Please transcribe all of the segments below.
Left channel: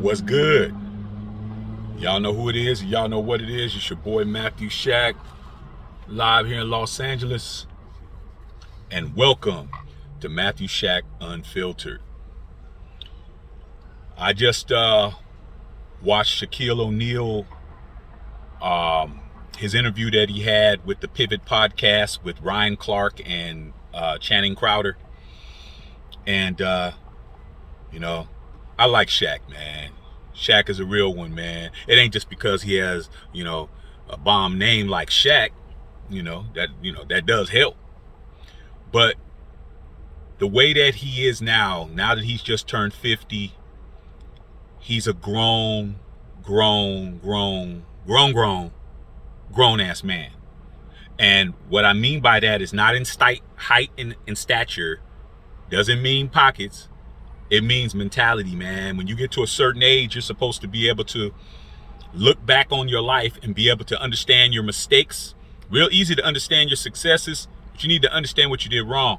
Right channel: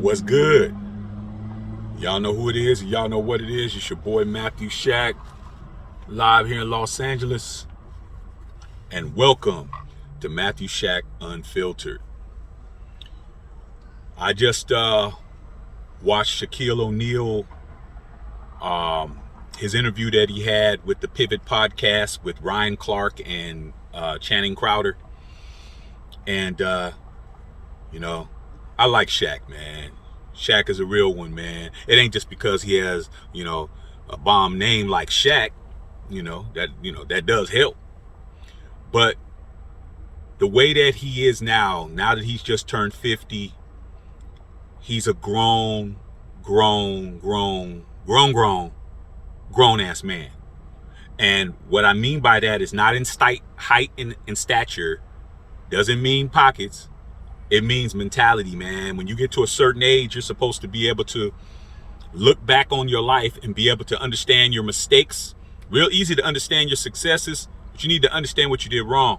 What's good? Y'all know who it is. Y'all know what it is. It's your boy Matthew Shaq, live here in Los Angeles. And welcome to Matthew Shaq Unfiltered. I just watched Shaquille O'Neal, his interview that he had with the Pivot podcast with Ryan Clark and Channing Crowder. And, I like Shaq, man. Shaq is a real one, man. It ain't just because he has, a bomb name like Shaq, that does help. But the way that he is now that he's just turned 50, he's a grown ass man. And what I mean by that is not in height and stature, doesn't mean pockets. It means mentality, man. When you get to a certain age, you're supposed to be able to look back on your life and be able to understand your mistakes. Real easy to understand your successes, but you need to understand what you did wrong.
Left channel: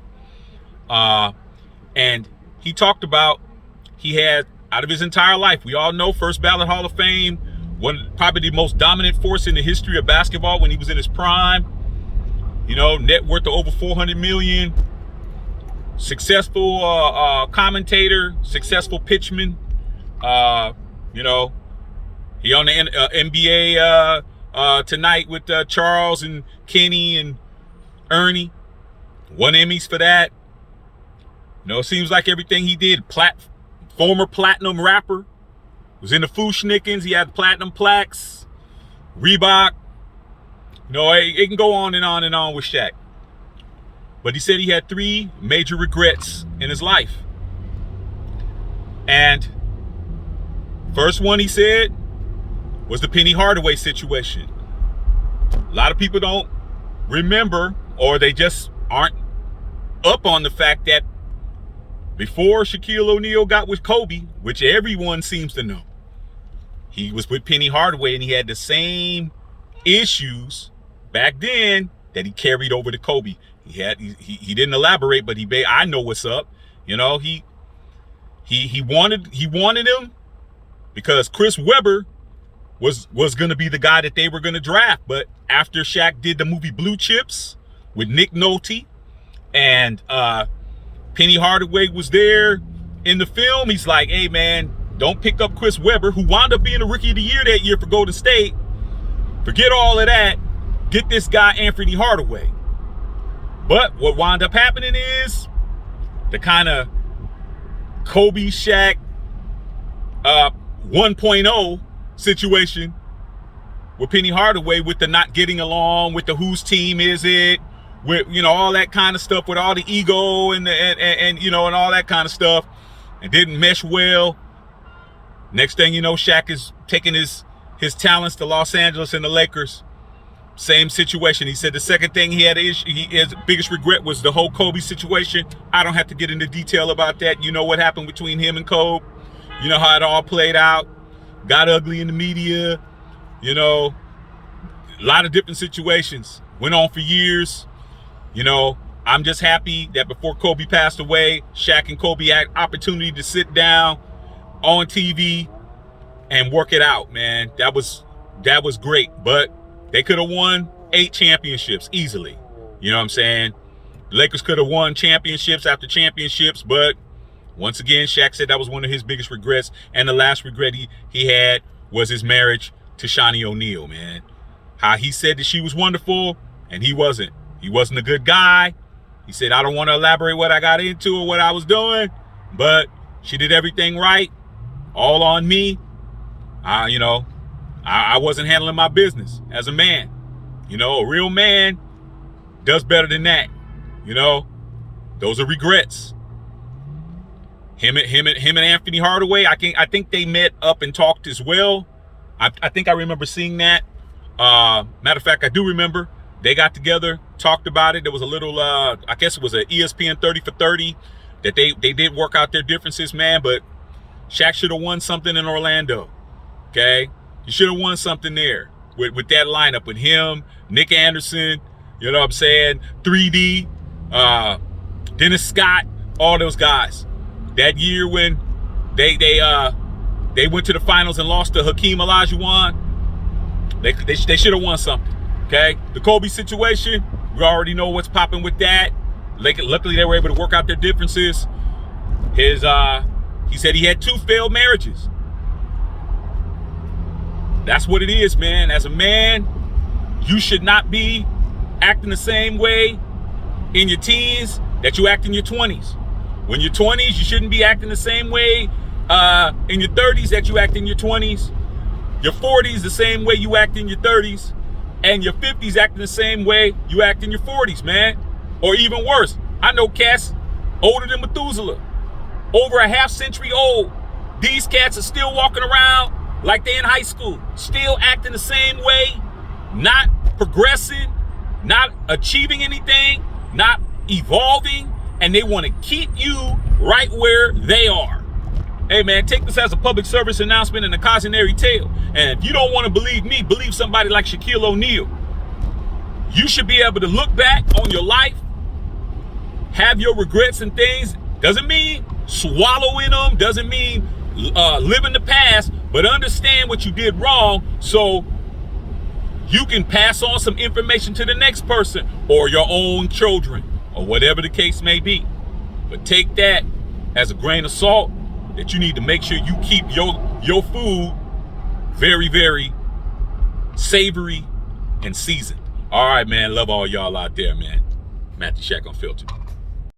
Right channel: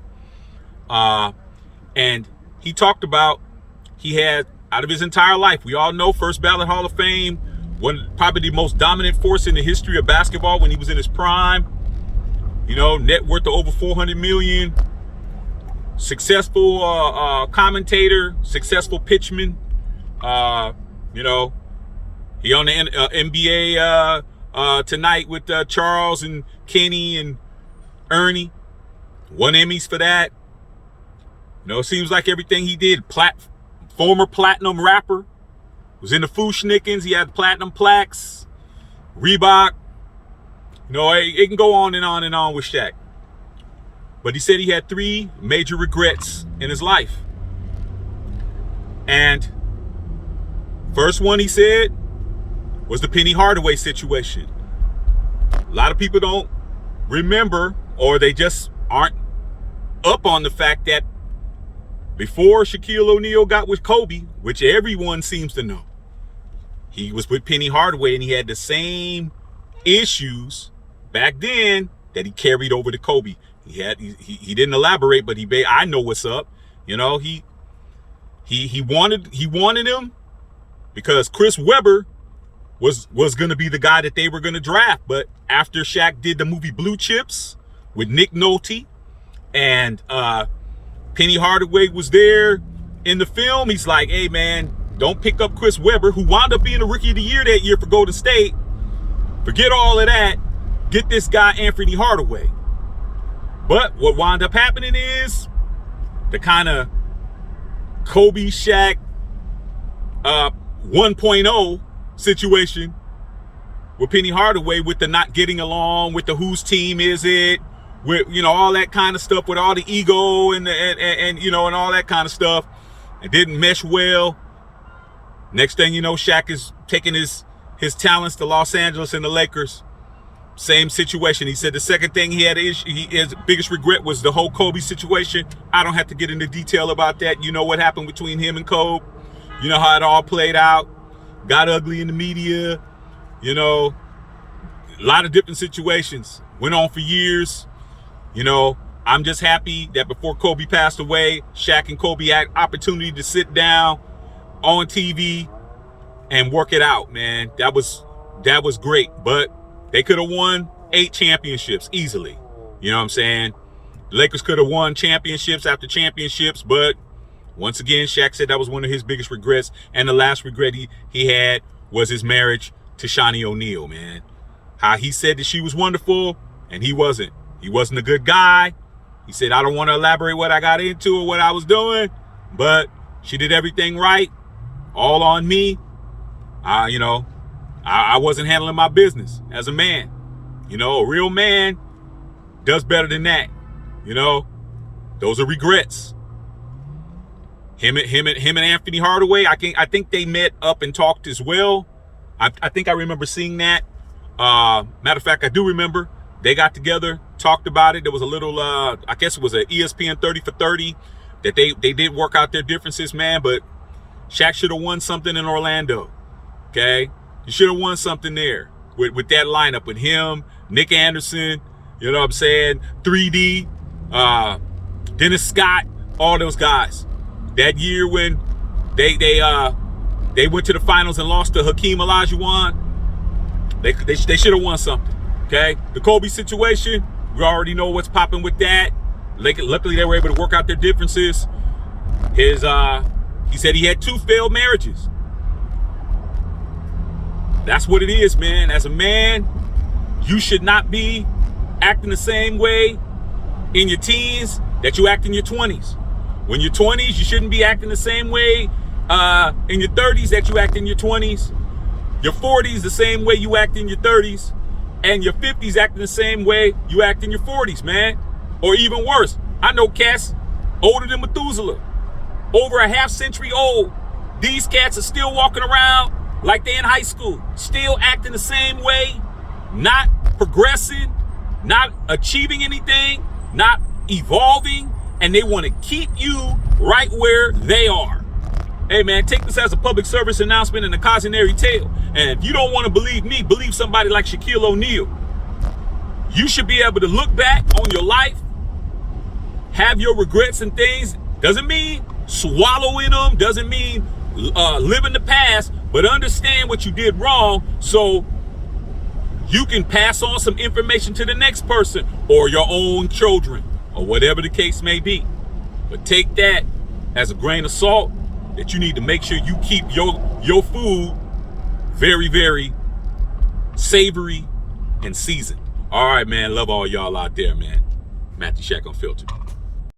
And he talked about, he had, out of his entire life, we all know, first ballot Hall of Fame, probably the most dominant force in the history of basketball when he was in his prime. Net worth of over 400 million. Successful commentator, successful pitchman. He on the NBA tonight with Charles and Kenny and Ernie. Won Emmys for that. It seems like everything he did. Former platinum rapper. Was in the Fushnikins. He had platinum plaques. Reebok. It can go on and on and on with Shaq. But he said he had 3 major regrets in his life. And first one he said was the Penny Hardaway situation. A lot of people don't remember, or they just aren't up on the fact that before Shaquille O'Neal got with Kobe, which everyone seems to know, he was with Penny Hardaway and he had the same issues back then that he carried over to Kobe. He didn't elaborate, but I know what's up. He wanted him because Chris Webber was going to be the guy that they were going to draft. But after Shaq did the movie Blue Chips with Nick Nolte and Penny Hardaway was there in the film, he's like, hey man, don't pick up Chris Webber, who wound up being the Rookie of the Year that year for Golden State. Forget all of that. Get this guy Anthony Hardaway. But what wound up happening is the kind of Kobe Shaq 1.0 situation with Penny Hardaway, with the not getting along, with the whose team is it, with all that kind of stuff, with all the ego and all that kind of stuff. It didn't mesh well. Next thing you know, Shaq is taking his talents to Los Angeles and the Lakers. Same situation. He said the second thing he had his biggest regret was the whole Kobe situation. I don't have to get into detail about that. You know what happened between him and Kobe. You know how it all played out. Got ugly in the media. A lot of different situations. Went on for years. I'm just happy that before Kobe passed away, Shaq and Kobe had opportunity to sit down on TV and work it out, man. That was great. But they could have won 8 championships easily. You know what I'm saying? The Lakers could have won championships after championships, but once again, Shaq said that was one of his biggest regrets. And the last regret he had was his marriage to Shaquille O'Neal, man. How he said that she was wonderful, and he wasn't. He wasn't a good guy. He said, I don't want to elaborate what I got into or what I was doing, but she did everything right. All on me. I wasn't handling my business as a man. A real man does better than that. Those are regrets. Him and Anthony Hardaway, I think they met up and talked as well. I think I remember seeing that. Matter of fact, I do remember they got together, talked about it. There was a little, I guess it was an ESPN 30 for 30 that they did work out their differences, man. But Shaq should have won something in Orlando. Okay. You should have won something there with that lineup with him, Nick Anderson, you know what I'm saying? 3D, Dennis Scott, all those guys. That year when they they went to the finals and lost to Hakeem Olajuwon. They should have won something. Okay, the Kobe situation, we already know what's popping with that. Luckily, they were able to work out their differences. He said he had 2 failed marriages. That's what it is, man. As a man, you should not be acting the same way in your teens that you act in your 20s. When you're 20s, you shouldn't be acting the same way in your 30s that you act in your 20s. Your 40s, the same way you act in your 30s. And your 50s acting the same way you act in your 40s, man. Or even worse. I know cats older than Methuselah. Over a half century old. These cats are still walking around like they're in high school. Still acting the same way. Not progressing. Not achieving anything. Not evolving. And they want to keep you right where they are. Hey, man, take this as a public service announcement and a cautionary tale. And if you don't want to believe me, believe somebody like Shaquille O'Neal. You should be able to look back on your life, have your regrets and things. Doesn't mean swallowing them, doesn't mean living the past, but understand what you did wrong so you can pass on some information to the next person or your own children or whatever the case may be. But take that as a grain of salt, that you need to make sure you keep your food very, very savory and seasoned. All right, man. Love all y'all out there, man. Matthew Shaq Unfiltered.